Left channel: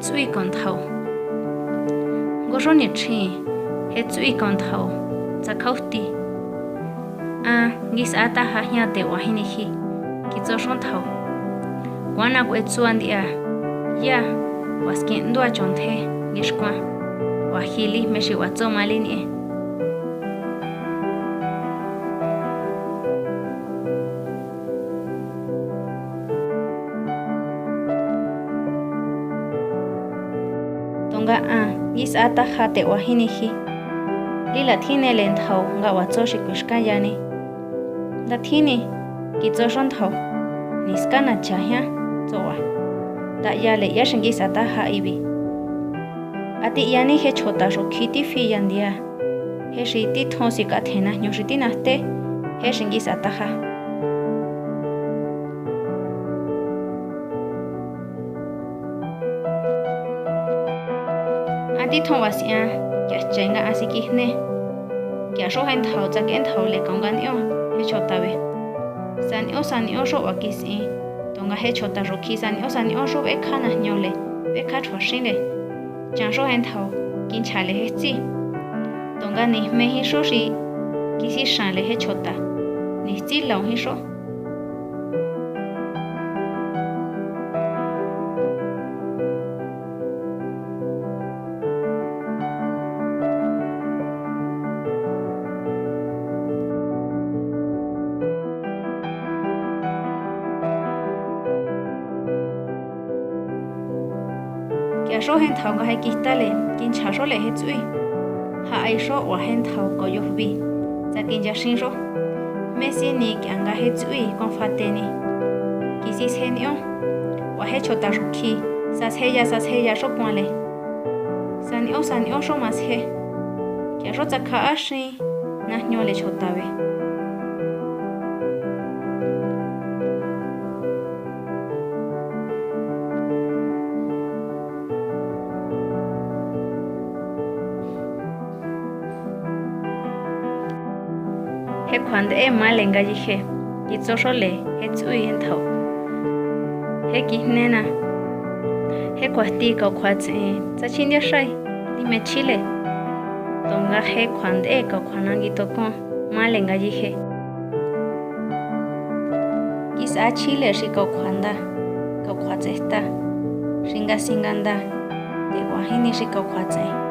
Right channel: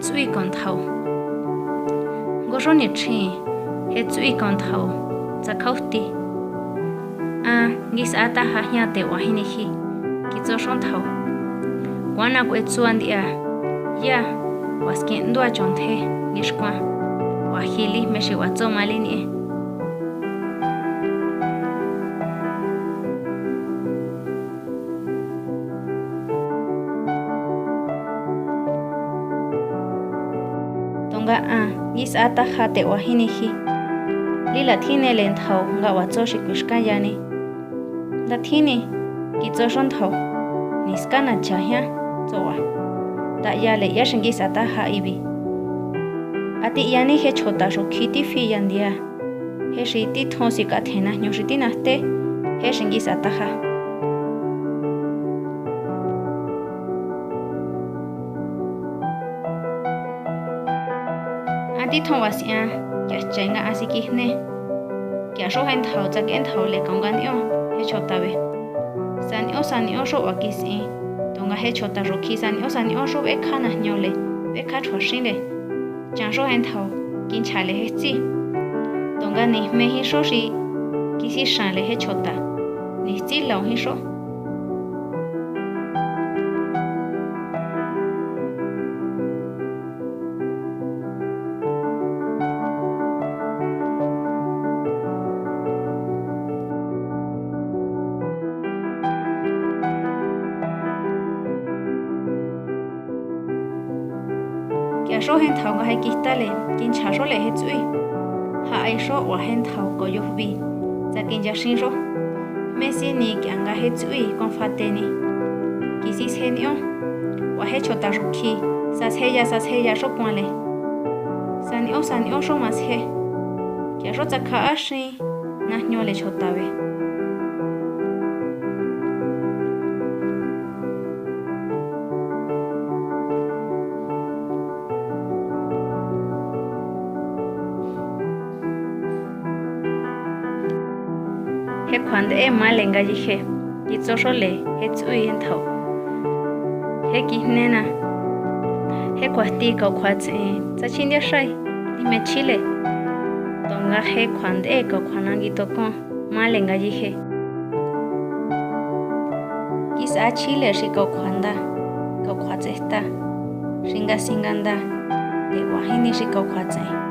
tsui con thầu ngô số nhiệt chi hết tsui con thầu za khâu ti nghĩ sao ta ha nhà để hoa hình khi kí cho son thầu quan à quét chuan đi ya was kiện đua chọn thế nghĩ qua hoa hili mấy sự hoa cho mali nè tonga nghĩ sao ta ha để hoa hình khi li là thiên này lên thầu ngã hoa cho sự quyết cái gì nè là thiên này kí cho son thầu niska na cha ha zoa da ya le ya shingi sata ha ibi ati yani he chota ro khiti fi yandia he shiti thosi ka thena nyu shiti na te he shingi sata ha ati thowasia kya chenga asiki ne kya sho hen thau cha ken thau le kongan yo he chota be san yo sho wakisi tonga he chota roki san yo sho be khana nyole be kha thoshin le chang sho hen thau kin chale he chi tonga ni me hi sho shi kisi shan le he chota ni chi law hi sho kya sho hen thau ga hai kita le kin cha sho le he chui ha ai sho wa hen thau ko yo bi za kin ja shin sho me si ni kya ga he chui kon fa te ni kisi se ni wa he chota ro ki sa se ya sho kwa le san yo sho mas he kya sho za kha a shi na nyo le chota be he khwande e ma lenga ji he ki cho sho le he chui hen thau he ki ne na he kwa ti ka khwa chi cha chin dia shai ni me chile tonga he khwande e ka khwana gi to ko ma lenga ji he ki sa chile shi ka khwanda ka khwa chesta singa singanda de wa hi ni shi ka khwa chai